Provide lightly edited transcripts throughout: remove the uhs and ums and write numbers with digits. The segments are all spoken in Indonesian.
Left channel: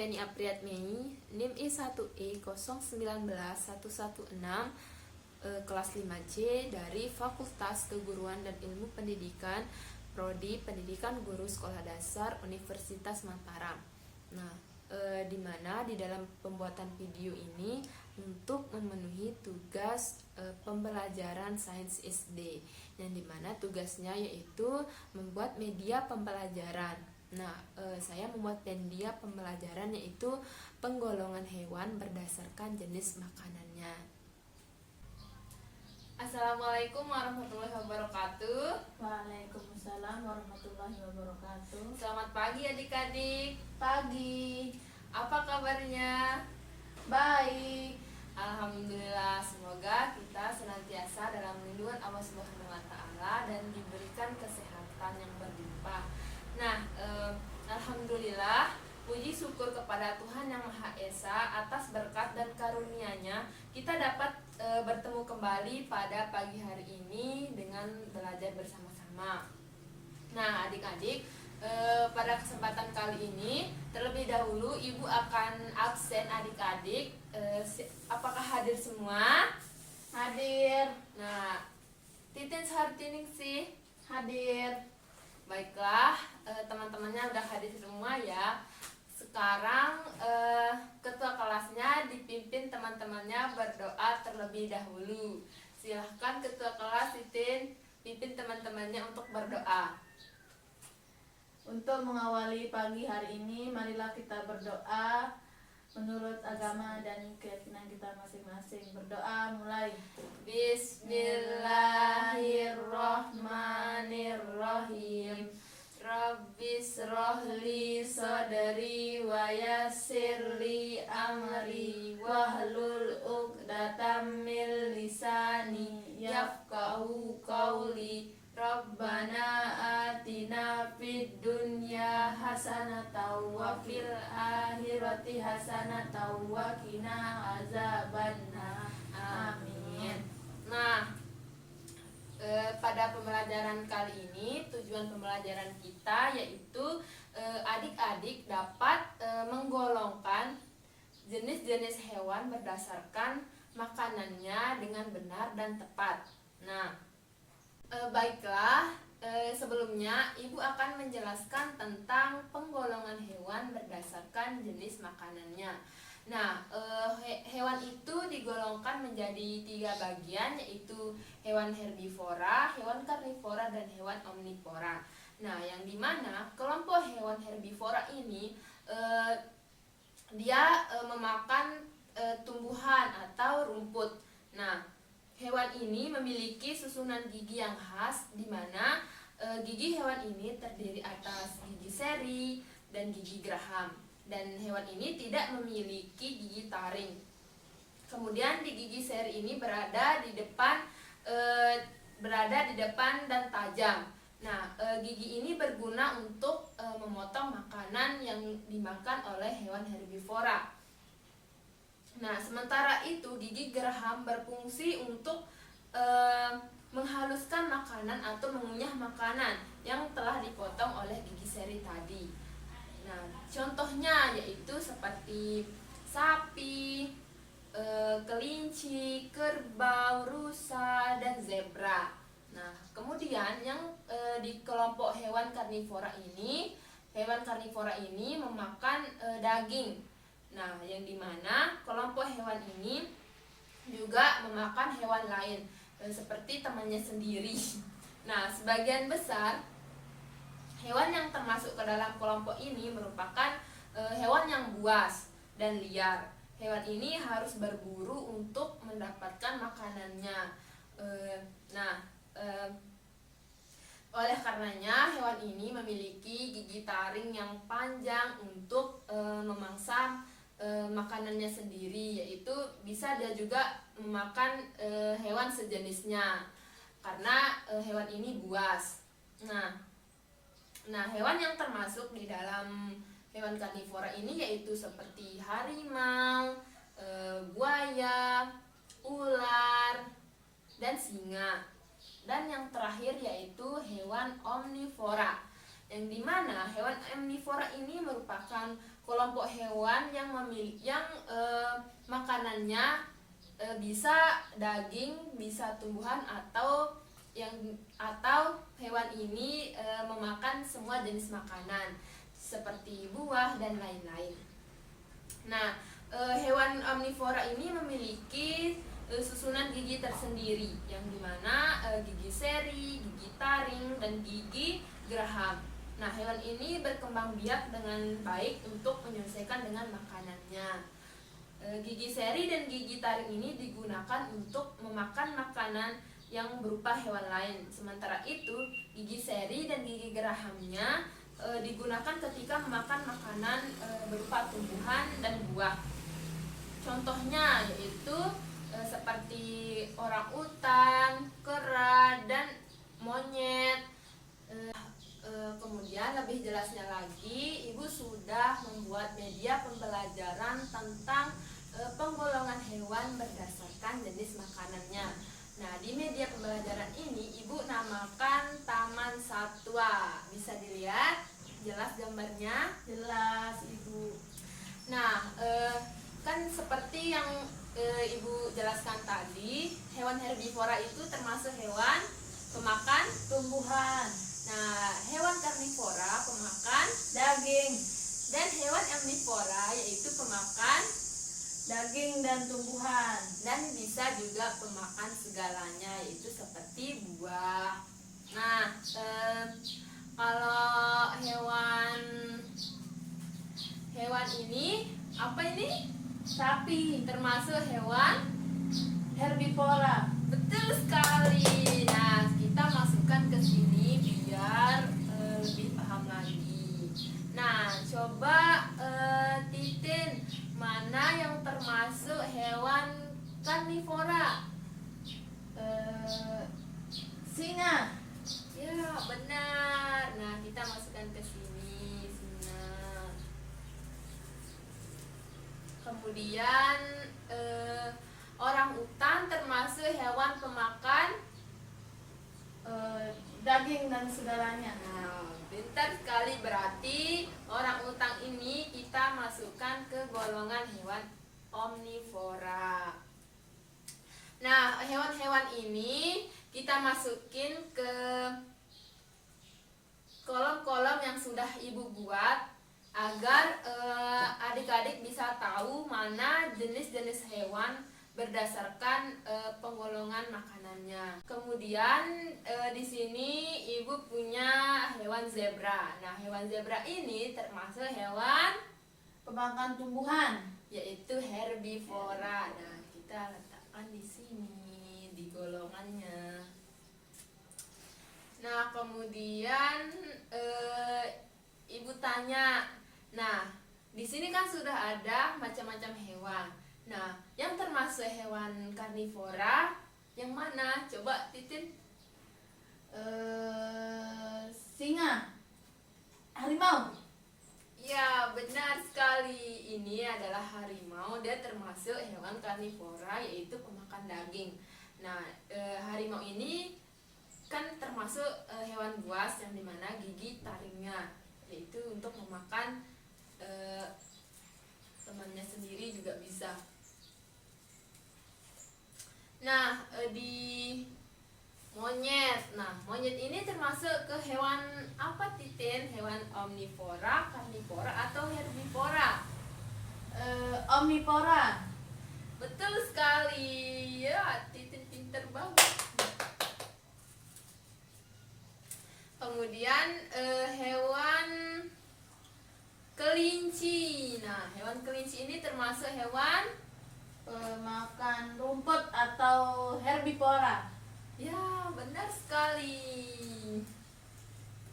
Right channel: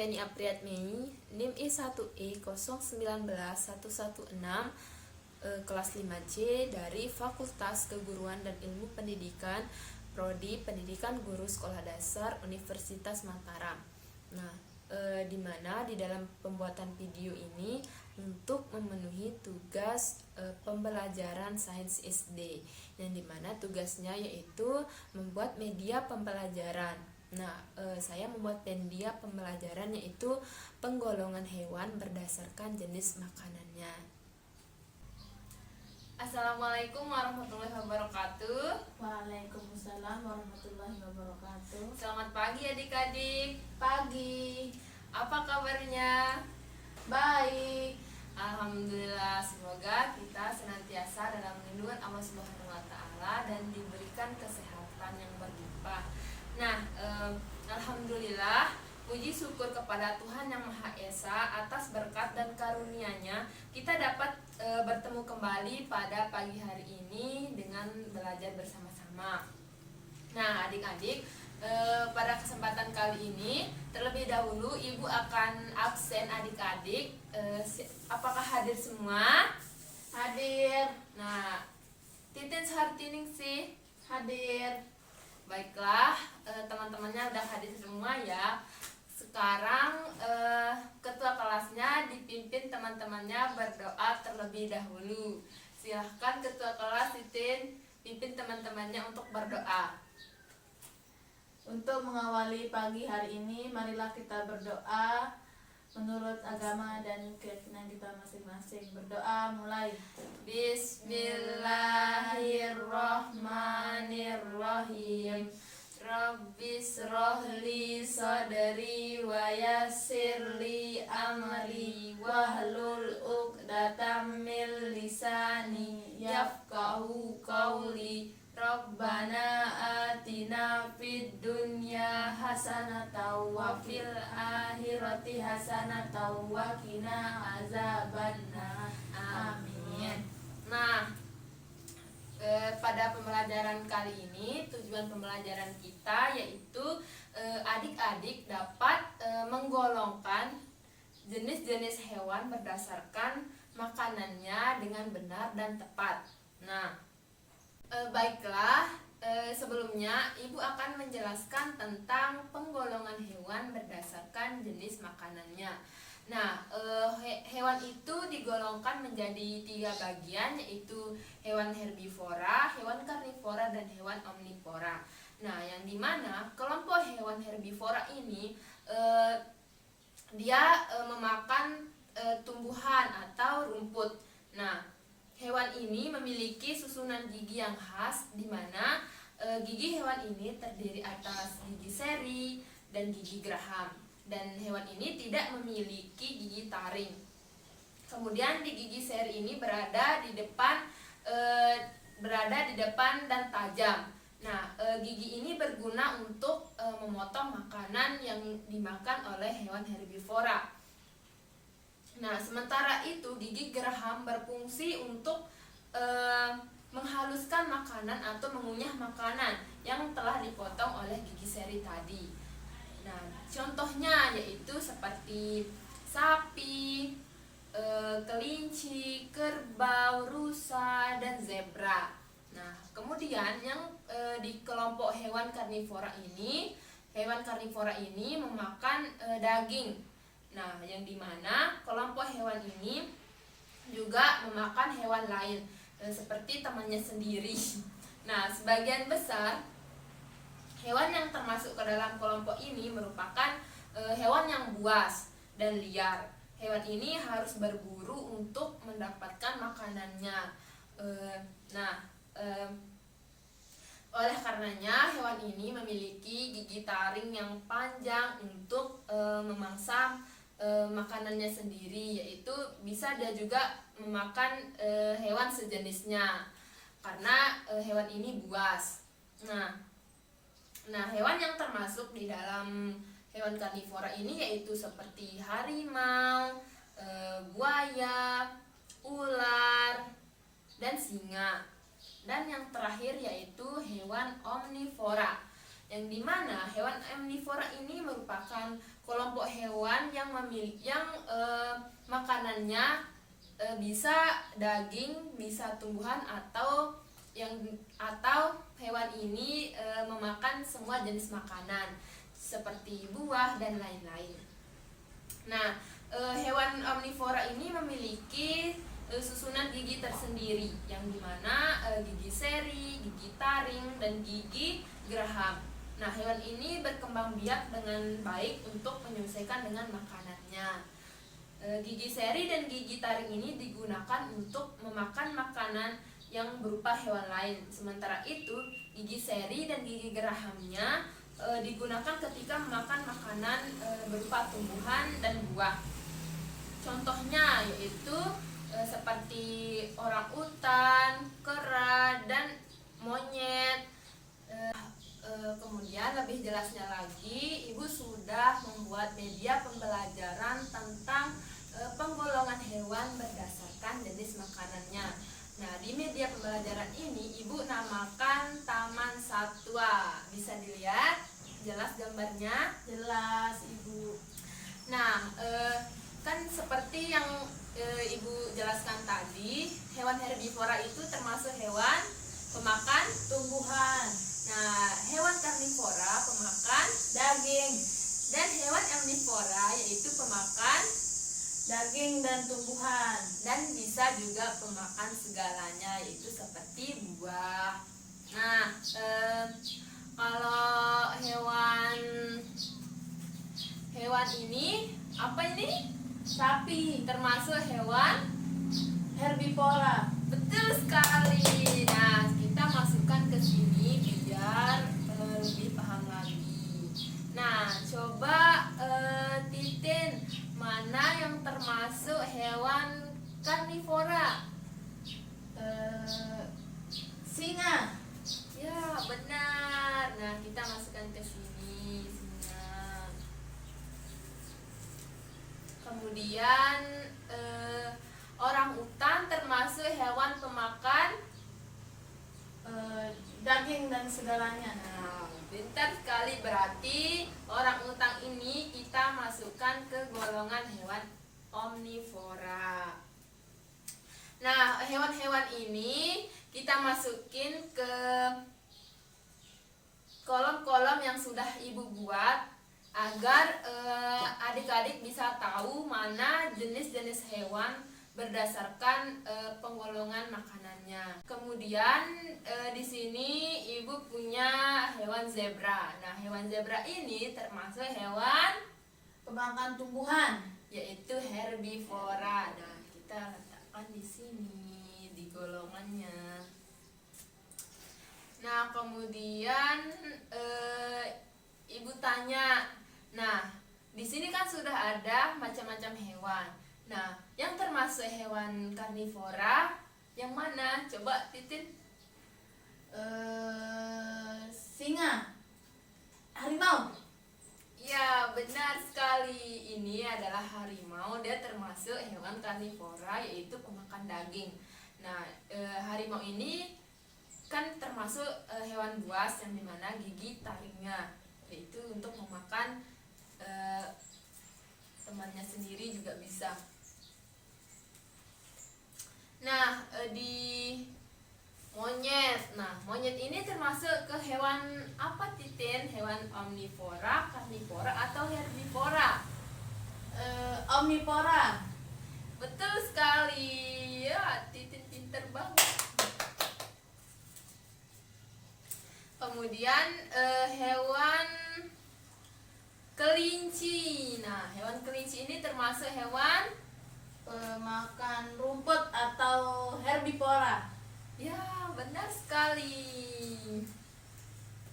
Feni Apriatmei, NIM I1E019-116, kelas 5C dari Fakultas Keguruan dan Ilmu Pendidikan, Prodi Pendidikan Guru Sekolah Dasar Universitas Mataram. Nah, di mana di dalam pembuatan video ini untuk memenuhi tugas pembelajaran sains SD, yang dimana tugasnya yaitu membuat media pembelajaran. Nah, saya membuat media pembelajaran yaitu penggolongan hewan berdasarkan jenis makanannya. Assalamualaikum warahmatullahi wabarakatuh. Waalaikumsalam warahmatullahi wabarakatuh. Selamat pagi adik-adik. Pagi. Apa kabarnya? Baik. Alhamdulillah, semoga kita senantiasa dalam lindungan Allah Subhanahu wa taala dan diberikan kesehatan yang berlimpah. Nah, alhamdulillah, puji syukur kepada Tuhan Yang Maha Esa atas berkat dan karunia-Nya kita dapat bertemu kembali pada pagi hari ini dengan belajar bersama-sama. Nah, adik-adik, pada kesempatan kali ini terlebih dahulu Ibu akan absen adik-adik. Apakah hadir semua? Hadir. Nah, Titin Sartining sih Hadir. Baiklah, teman-temannya udah hadir semua ya. Sekarang ketua kelasnya dipimpin teman-temannya berdoa terlebih dahulu. Silahkan ketua kelas Titin pimpin teman-temannya untuk berdoa. Untuk mengawali pagi hari ini, marilah kita berdoa menurut agama dan keyakinan kita masing-masing. Berdoa mulai. Bismillahirrahmanirrahim. Rabbis rohli sadri wa yassirli amri wahlul uqdatam min lisani yafqahu qawli. Rabbana atina fid dunya hasanatan wa fil akhirati hasanatan wa qina azabannar. Amin. Nah, pada pembelajaran kali ini tujuan pembelajaran kita yaitu adik-adik dapat menggolongkan jenis-jenis hewan berdasarkan makanannya dengan benar dan tepat. Nah, baiklah, sebelumnya Ibu akan menjelaskan tentang penggolongan hewan berdasarkan jenis makanannya. Nah, hewan itu digolongkan menjadi 3 bagian, yaitu hewan herbivora, hewan karnivora, dan hewan omnivora. Nah, yang dimana kelompok hewan herbivora ini dia memakan tumbuhan atau rumput. Nah, hewan ini memiliki susunan gigi yang khas, di mana gigi hewan ini terdiri atas gigi seri dan gigi geraham. Dan hewan ini tidak memiliki gigi taring. Kemudian di gigi seri ini berada di depan dan tajam. Nah, gigi ini berguna untuk memotong makanan yang dimakan oleh hewan herbivora. Nah, sementara itu gigi geraham berfungsi untuk menghaluskan makanan atau mengunyah makanan yang telah dipotong oleh gigi seri tadi. Nah, contohnya yaitu seperti sapi, kelinci, kerbau, rusa, dan zebra. Nah, kemudian yang di kelompok hewan karnivora ini memakan daging. Nah, yang dimana kelompok hewan ini juga memakan hewan lain seperti temannya sendiri. Nah, sebagian besar hewan yang termasuk ke dalam kelompok ini merupakan hewan yang buas dan liar. Hewan ini harus berburu untuk mendapatkan makanannya. Oleh karenanya hewan ini memiliki gigi taring yang panjang untuk memangsa makanannya sendiri, yaitu bisa dia juga memakan hewan sejenisnya karena hewan ini buas. Nah, hewan yang termasuk di dalam hewan karnivora ini yaitu seperti harimau, buaya, ular, dan singa. Dan yang terakhir yaitu hewan omnivora. yang dimana hewan omnivora ini merupakan kelompok hewan yang makanannya bisa daging, bisa tumbuhan atau hewan ini memakan semua jenis makanan seperti buah dan lain-lain. Nah, hewan omnivora ini memiliki susunan gigi tersendiri yang dimana gigi seri, gigi taring, dan gigi geraham. Nah, hewan ini berkembang biak dengan baik untuk menyelesaikan dengan makanannya. Gigi seri dan gigi taring ini digunakan untuk memakan makanan yang berupa hewan lain. Sementara itu, gigi seri dan gigi gerahamnya digunakan ketika memakan makanan berupa tumbuhan dan buah. Contohnya yaitu seperti orangutan, kera, dan monyet. Kemudian lebih jelasnya lagi, Ibu sudah membuat media pembelajaran tentang penggolongan hewan berdasarkan jenis makanannya. Nah, di media pembelajaran ini Ibu namakan Taman Satwa. Bisa dilihat jelas gambarnya? Jelas, Ibu. Nah, kan seperti yang Ibu jelaskan tadi, hewan herbivora itu termasuk hewan pemakan Tumbuhan, Nah, hewan karnivora pemakan daging, dan hewan omnivora yaitu pemakan daging dan tumbuhan. dan bisa juga pemakan segalanya yaitu seperti buah. Nah, kalau hewan ini apa ini? Sapi, Termasuk hewan. herbivora. Betul sekali. Nah, kita masukkan ke sini biar lebih paham lagi. Nah, coba Titin, mana yang termasuk hewan karnivora? Singa, Ya, benar. Nah, kita masukkan ke sini singa. Kemudian orang utan termasuk hewan pemakan. daging dan segalanya. Nah, pintar sekali, berarti orang utan ini kita masukkan ke golongan hewan omnivora. Nah, hewan-hewan ini kita masukin ke kolom-kolom yang sudah Ibu buat agar adik-adik bisa tahu mana jenis-jenis hewan berdasarkan penggolongan makanannya. Kemudian di sini Ibu punya hewan zebra. Nah, hewan zebra ini termasuk hewan Pemakan tumbuhan, yaitu herbivora. Nah, kita letakkan di sini di golongannya. Nah, kemudian Ibu tanya, nah di sini kan sudah ada macam-macam hewan. Nah, yang termasuk hewan karnivora yang mana? Coba Titin. singa, harimau. Ya, benar sekali. Ini adalah harimau. Dia termasuk hewan karnivora, yaitu pemakan daging. Nah, harimau ini kan termasuk hewan buas yang dimana gigi taringnya, yaitu untuk memakan temannya sendiri juga bisa. Nah, di monyet. Nah, monyet ini termasuk ke hewan apa, Titin? Hewan omnivora, karnivora, atau herbivora? Omnivora, Betul sekali. Ya, Titin pinter banget. Kemudian hewan kelinci. Nah, hewan kelinci ini termasuk hewan. pemakan rumput atau herbivora. Ya, benar sekali.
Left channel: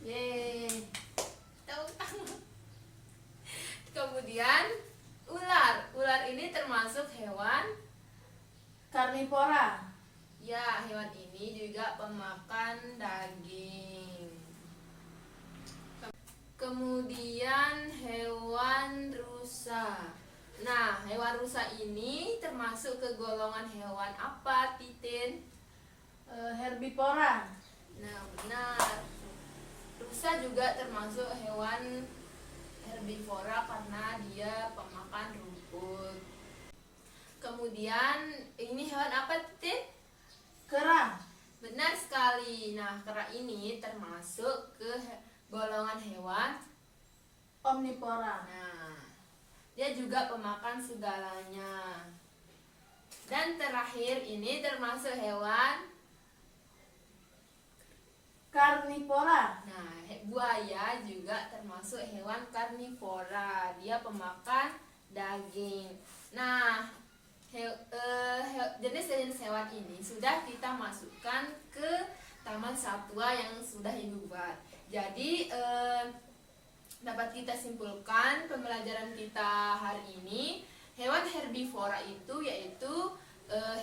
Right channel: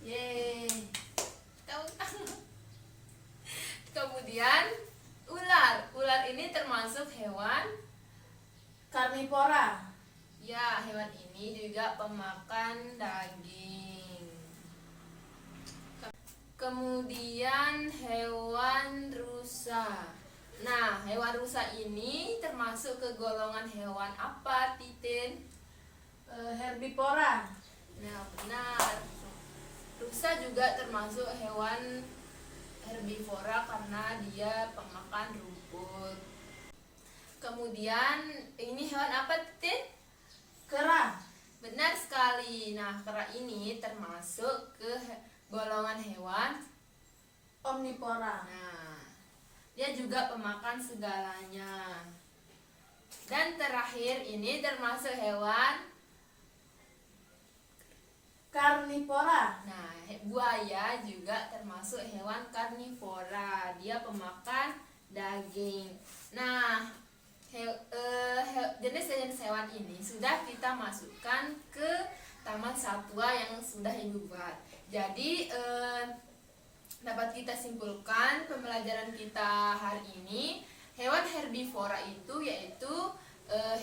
Yeay. Tepuk tangan. Kemudian ular. Ular ini termasuk hewan. Karnivora, Ya, hewan ini juga pemakan daging. Kemudian hewan rusa. Nah, hewan rusa ini termasuk ke golongan hewan apa, Titin? herbivora. Nah, benar. Rusa juga termasuk hewan herbivora karena dia pemakan rumput. Kemudian ini hewan apa, Titin? Kera. Benar sekali. Nah, kera ini termasuk ke golongan hewan Omnivora. Nah, dia juga pemakan segalanya. Dan terakhir ini termasuk hewan. Karnivora. Nah, buaya juga termasuk hewan karnivora. Dia pemakan daging. Nah, jenis-jenis hewan ini sudah kita masukkan ke taman satwa yang sudah Ibu buat. Jadi dapat kita simpulkan pembelajaran kita hari ini, hewan herbivora itu yaitu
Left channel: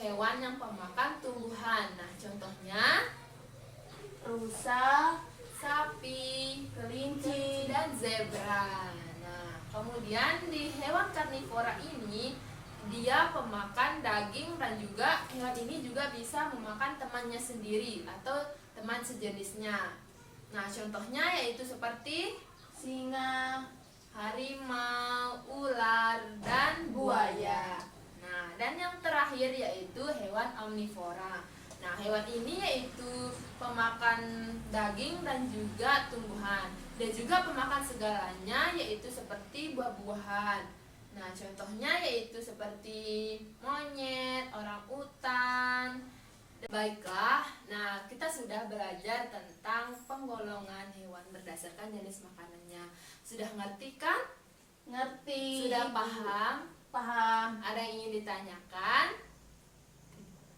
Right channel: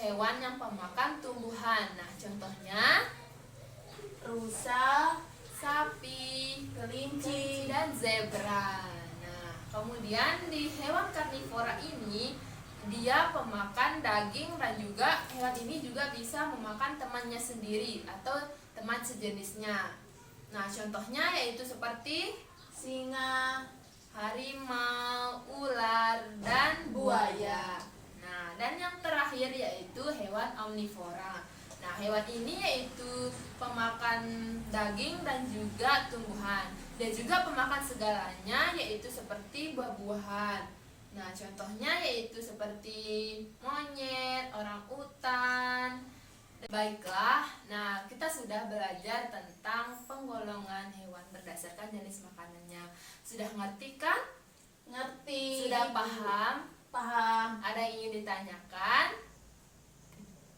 hewan yang pemakan tumbuhan. Nah, contohnya Rusa, sapi, kelinci, dan zebra. Nah, kemudian di hewan karnivora ini dia pemakan daging dan juga hewan ini juga bisa memakan temannya sendiri atau teman sejenisnya. Nah, contohnya yaitu seperti singa, harimau, ular, dan buaya. Nah, dan yang terakhir yaitu hewan omnivora. Nah, hewan ini yaitu pemakan daging dan juga tumbuhan. Dia juga pemakan segalanya yaitu seperti buah-buahan. Nah, contohnya yaitu seperti monyet, orangutan. Baiklah, nah kita sudah belajar tentang penggolongan hewan berdasarkan jenis makanannya. Sudah ngerti kan? ngerti. Sudah paham? Paham. Ada yang ingin ditanyakan?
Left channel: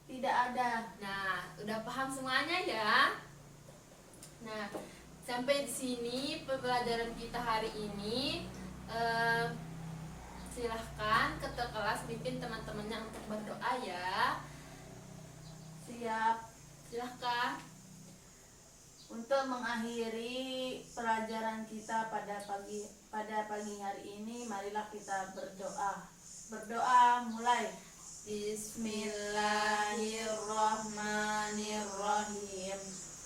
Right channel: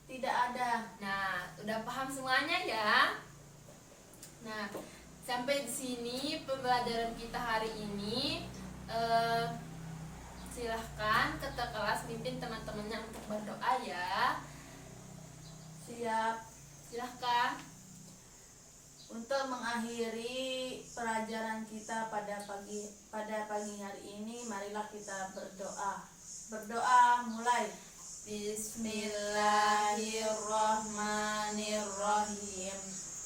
Tidak ada. Nah, udah paham semuanya ya? Nah, sampai di sini pembelajaran kita hari ini. Silahkan ketua kelas pimpin teman-temannya untuk berdoa ya. Siap. Silahkan. Untuk mengakhiri pelajaran kita pada pagi hari ini, marilah kita berdoa. Berdoa mulai. Bismillahirrahmanirrahim.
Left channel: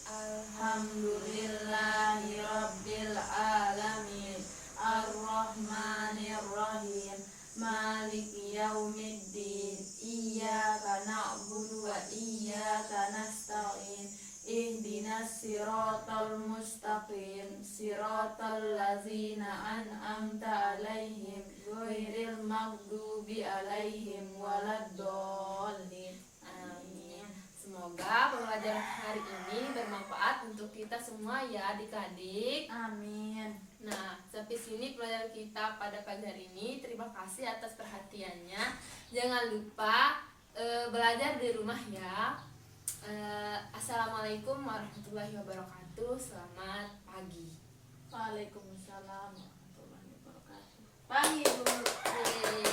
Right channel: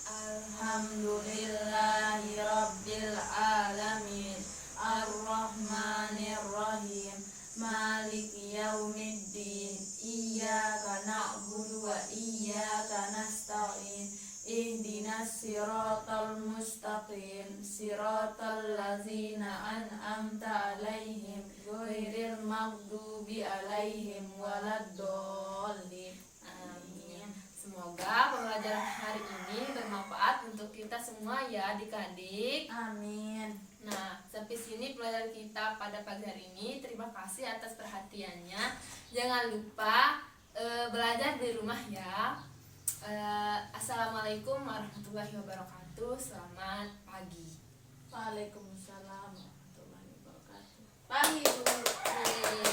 Alhamdulillahirabbil alamin. Ar-Rahmanir-Rahim. Maliki yaumiddin. Iyyaka na'budu wa iyyaka nasta'in. Ihdinas siratal mustaqim. Siratal ladzina an'amta 'alaihim ghairil maghdubi 'alaihim waladdallin. Amin. Semoga pembelajaran hari ini bermanfaat untuk kita semua ya adik-adik. Amin. Nah, sampai sini pelajaran kita pada pagi hari ini. Terima kasih atas perhatiannya. Jangan lupa belajar di rumah ya. Assalamualaikum warahmatullahi wabarakatuh. Selamat pagi. Waalaikumsalam warahmatullahi wabarakatuh. Pagi, Bu. Yeay.